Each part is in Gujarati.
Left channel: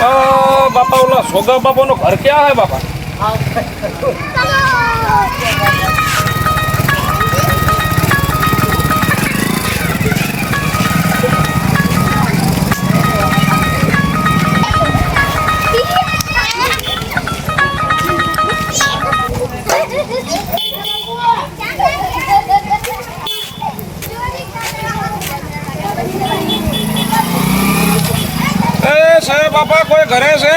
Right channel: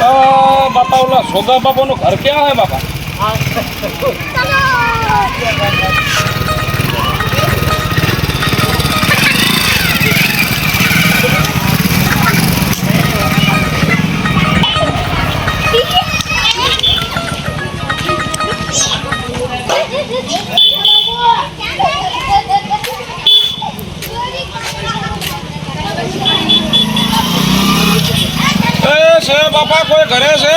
बापा बोला सोगा बापा नो घर क्या है बापा बापा कोई घरे से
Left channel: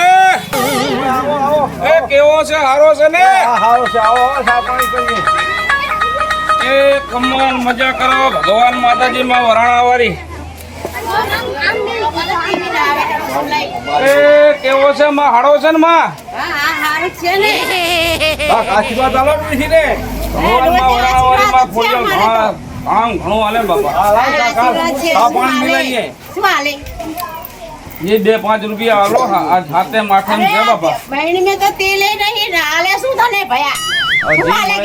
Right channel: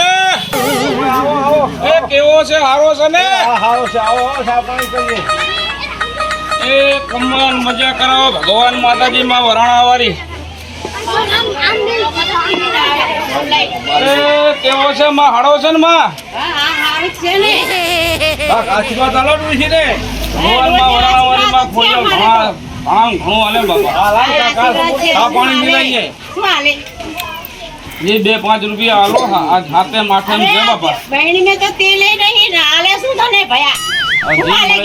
ए केवो से हारो से ने हारो से आओ साफ पानी करिए ए कमन मजा कराओ भगवान माताजी मां वराणा वाली ए केवो से मां हारो से ने मां हारो से ने आशीर्वाद आलो नी रे भगवान मां वराणा वाली मां खोलियो हां घणो आले बापा हां काका साफ पानी मिलाइए શું હાલે ये 2-5 रुपया आलो आज हाथे माथे में दे बापा बहन में तो तेल नहीं हाले શું તને ભયા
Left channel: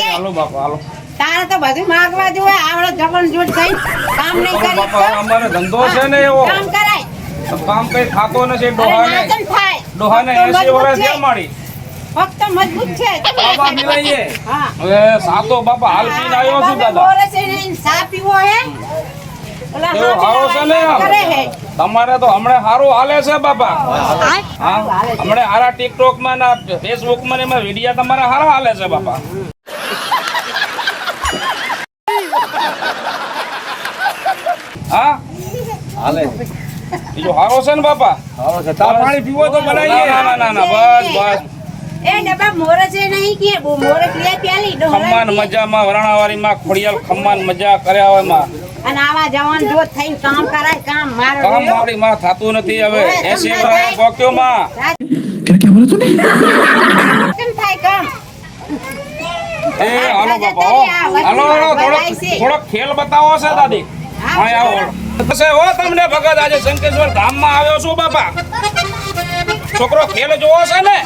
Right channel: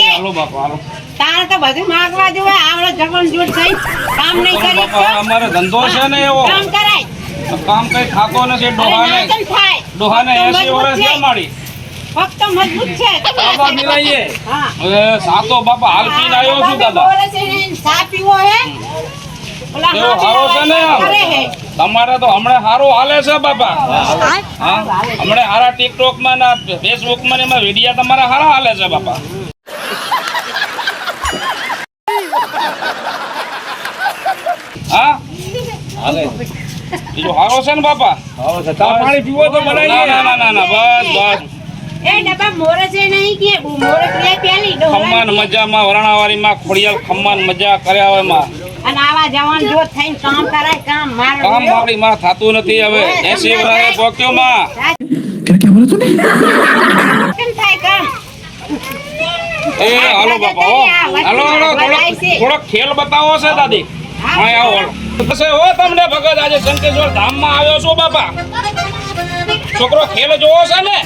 जी आलो बापा आलो તારે તો બધું માંગવા જોવે આવડો જમણ જૂઠ થઈ કામ નહીં કરી बापा हमारे धंधो से ने एवो કામ કરાય तो काम कई खातो ने से डोहाने થાય डोहाने 80 વર્ષ છે મારી ફક્ત મજબૂત છે બાપા મિલાઈએ હા હવે સાતો બાપા હાલ પીને આવ્યો છું દાદા બોલે છે ચા પીવો હે એવો હારો છે ને આમ તમારે તો હમણે હારો હાલે છે બાપા હા હમણે હારા ટિકટોક માં ના ફેસબુક માં ને વિડિયો તમારા હારા હાલે છે બાપા હા હાલે બીજો હારો છે ને બાપા हारो से साफ पानी पीवो तो बनाइए ના ના ના ના બસ બસ એ ડબ્બા મોરસ એ નહીં કે મોરસ લે પેલી ખમ્માન મજામાં વરાણાવાળી માં ખોડિયાલ ખમ્માન મજા કર્યા હોય માં અને આવા જવાન જોત થઈને કામ કરાય કામ મારો કામ મારી માં થાતું નથી હવે 80 વર્ષે પોક્યો માં કેમ થાય કામ એ હાલો બાપા હો હાલો હાલો થોડો ખેલ બતાવો છે દાદી હા આવો હાલો બસે હો તમને ભગત આજે શંકેશ્વર ધામ માં આવ્યો છું બાપા છોકરો ખેલ જોવો છે ને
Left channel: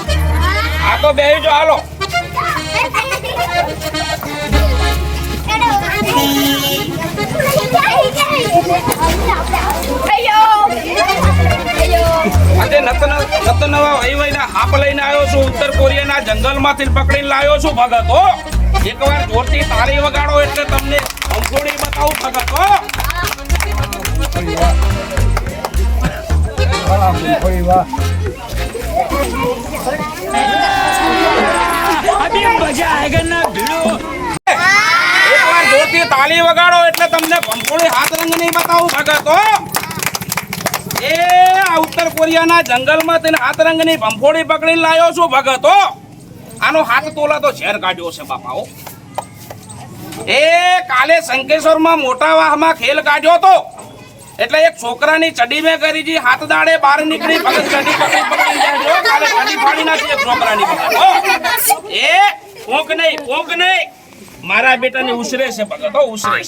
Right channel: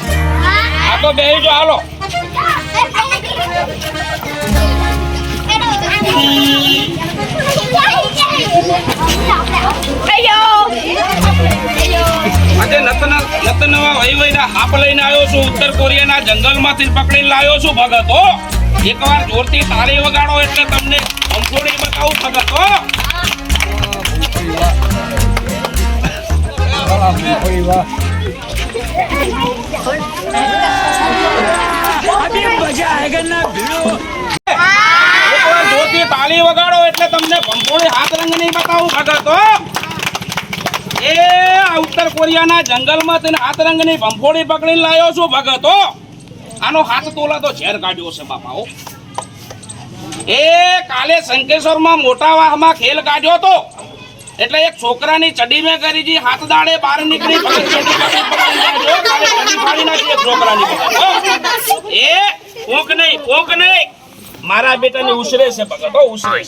આ તો બેહી જો હાલો આજે નવા વહીવઈના હાપ લઈને આવ્યો છું ઉત્તર કોરિયાના જંગલમાંથી પકડીને લાવ્યો છું ભગત હો એકવાર જોરથી તાળી વગાડો એટલે તમને અંફોડી બતાવું ભગત હો कोई वाह अभी मजा आएगा ना भिड़ो એકવાર જોરથી તાળી વગાડો એટલે તમને અંફોડી હાથ રંગ નહીં બતાવું ભગત હો એ આ ઉત્તર કોરિયાના જંગલમાંથી હાથ રંગની ભંફોડી પકડીને લાવ્યો છું ભગત હો આનો હાથ તોલા તો ઝેર કાઢ્યો છે બાપા હો એ કાલે શંકેશ્વરમાં મોટા વાહમાં ખેલ કાઢ્યો તો એટલે એક છોકરાની ચડી મેં કરી જી હાથ દાડે બહાર નીકળી ભગત ચડી પકડી જાય કાલે ચડી ફાડી નાખી એક છોકરાની ભગત હો એ પોંક નહીં મારા બેટાને ઉછરે છે ભગત હો ઉછરે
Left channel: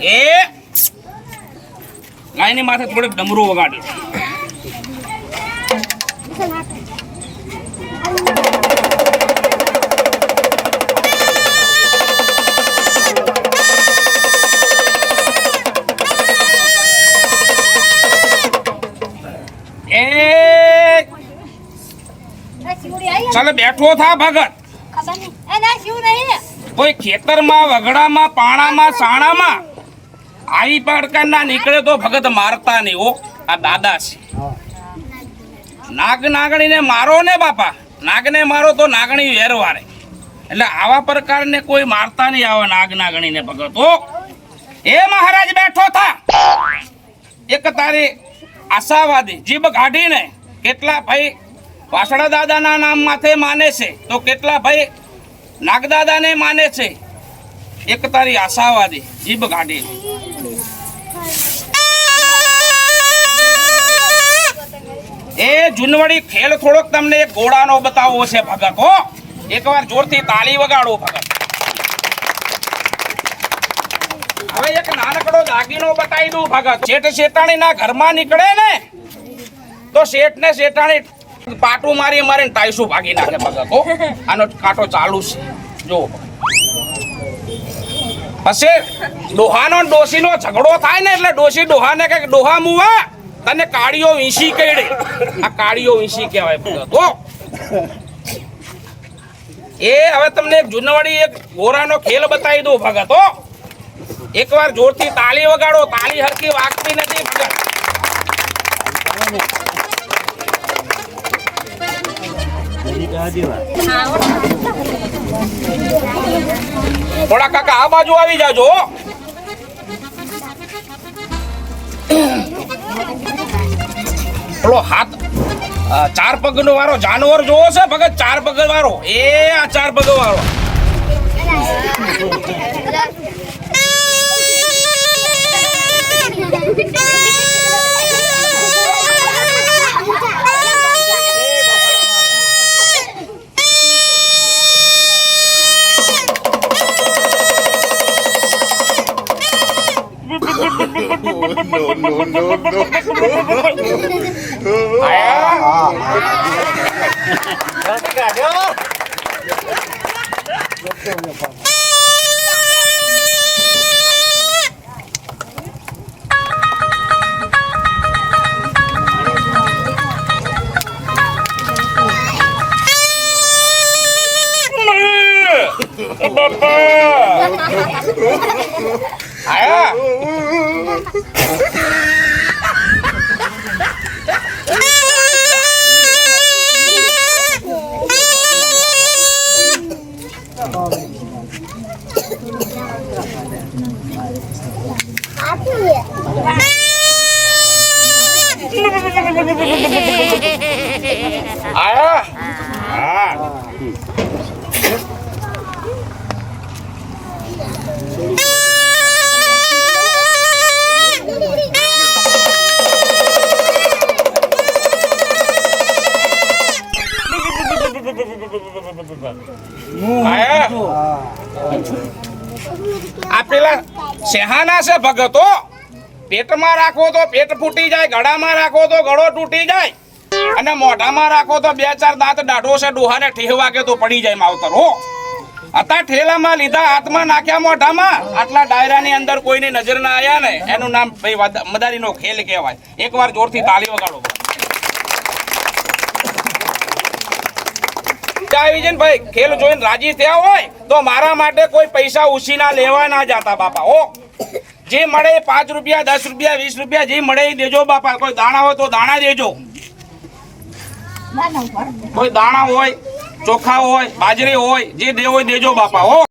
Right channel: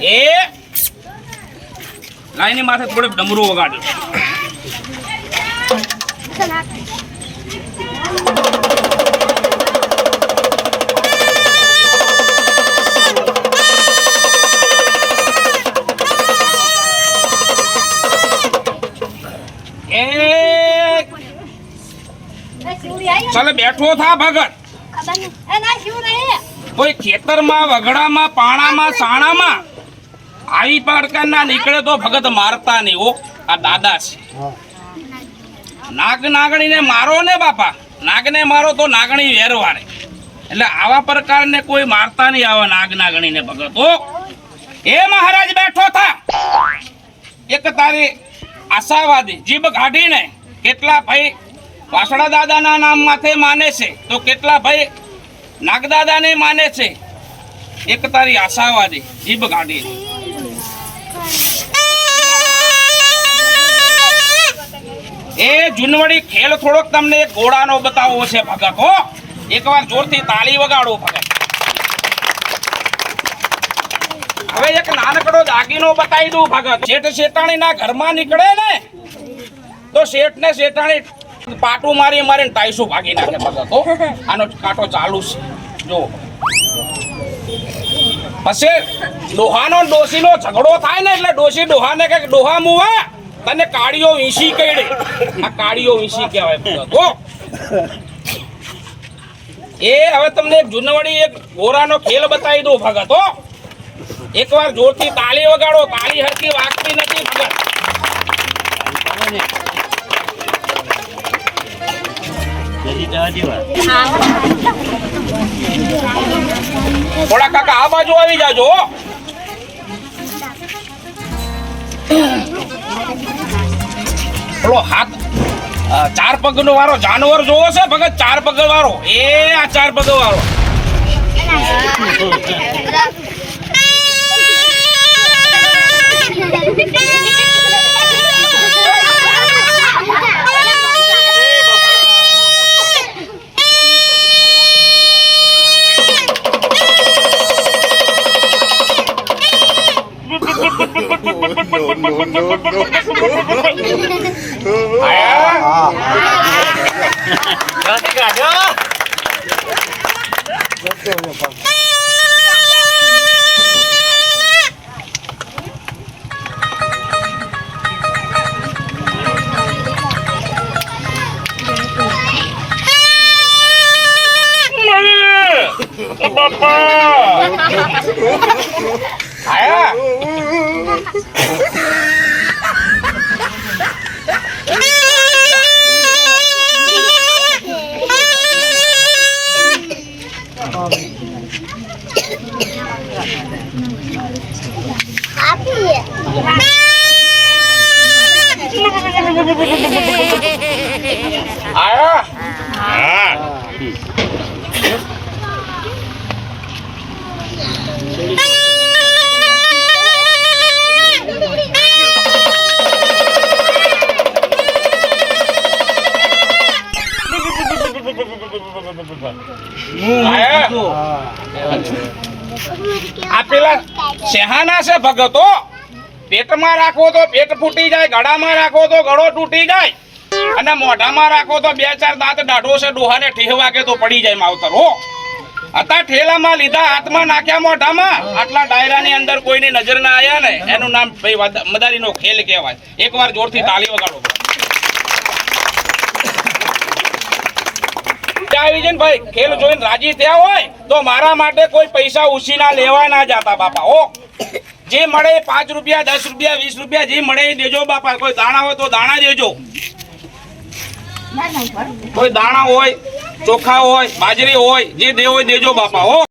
છે એ લાઈની માથે થોડીક ડમરું વગાડી ચાલે બેઠો થા ભગત કોઈ ખેતરમાં વગડામાં પાણામાં સાણામાં આવી પ્રકારના નીકળે તો ભગત મારતા નહીં ઓ આ દાદા છે નાગણીને મારો ને બાપા નાગને મારો તો નાગણી વેરવારે એટલે આવા પ્રકારને કોઈ મારતા નહીં આવા નાગણીને ભગત ઓ એ મહારાજ બેઠો થા એક તારી આશાવાદી જીભ કાઢીને કેટલા ભાઈ વાસણા દાદાના નામ માથે માને છે તો કેટલા ભાઈ નાગદાદાને માને છે એક તારી આશાવાદી જીભ કાઢીને એ જુનવડી ખેલ થોડોક તમને એક ઘોડાનો બતાવવો છે ભગત હો એકવાર જોરથી તાળી વગાડો ભગત હવે એક નાનકડો દાગીનો બતાવી દઉં ભગત શેઠ શેઠાણીના ઘરમાં નીકળે ને તો શેઠ ને શેઠાણી પાટું મારીને ટાઈસું ભાગી નાખે ભગત હો આનો કાંટો ચાલુ છે જો પછી ડોહાનો ડોશીનો ઝઘડો થાય ને એટલે ડોશી ડોહાને કઈક ડોહા મુવા તને કાળીઓ વીંસી કઈડે. આ કાળીઓ વીંસી કહેવાય ભગત હો. એ હવે તમને એક જૂનવાડી એક ગોરાનો ખેલ બતાવી દઉં ભગત હો. એકવાર જોરથી તાળી વગાડો. તાળી હરકી વાગતી નથી ભગત. થોડા કાકા આ બાજુ આવી જાજો હો. પેલો હાથ 4 પગનો વાળો જાનવર જોવો છે ભગત? 4 પગ વાળો. એ આ 4 પગ વાળો. આ પેલા શેહાના છે ભગતો. પેટમાં રાખો તો પેટ ફૂટી જાય, ગળામાં રાખો તો ગળો તૂટી જાય, અને મોઢામાં રાખો તો 2-4 દાંત દાઢો છે ડોહાને ઠેહવા કે તો પડી જાય માવતર હો. અત્યારે ઠેલામાં લીધા, હાથમાં નાખ્યા, મોઢામાં. આટલા ડાયરાની અંદર કોઈની નજર ના આયા ને એનું નામ ભાઈ મદારીનો ખેલ કહેવાય. એકવાર જોરથી તાળી વગાડો. ભાઈ ખેલ જોઈને રાજી થયા હોય તો મારા માટે કોઈ પૈસા ઉછીના લેવા ના જાતા બાપા હો. જે મળે 5 રૂપિયા, 10 રૂપિયા, 20 રૂપિયા જે મળે એ દેજો બાપા. કોઈ દાણા હોય તો દાણા દેજો. કોઈ દાણા હોય, ચોખા હોય, બાજરી હોય, જે દેવો હોય દેજો બાપા હો.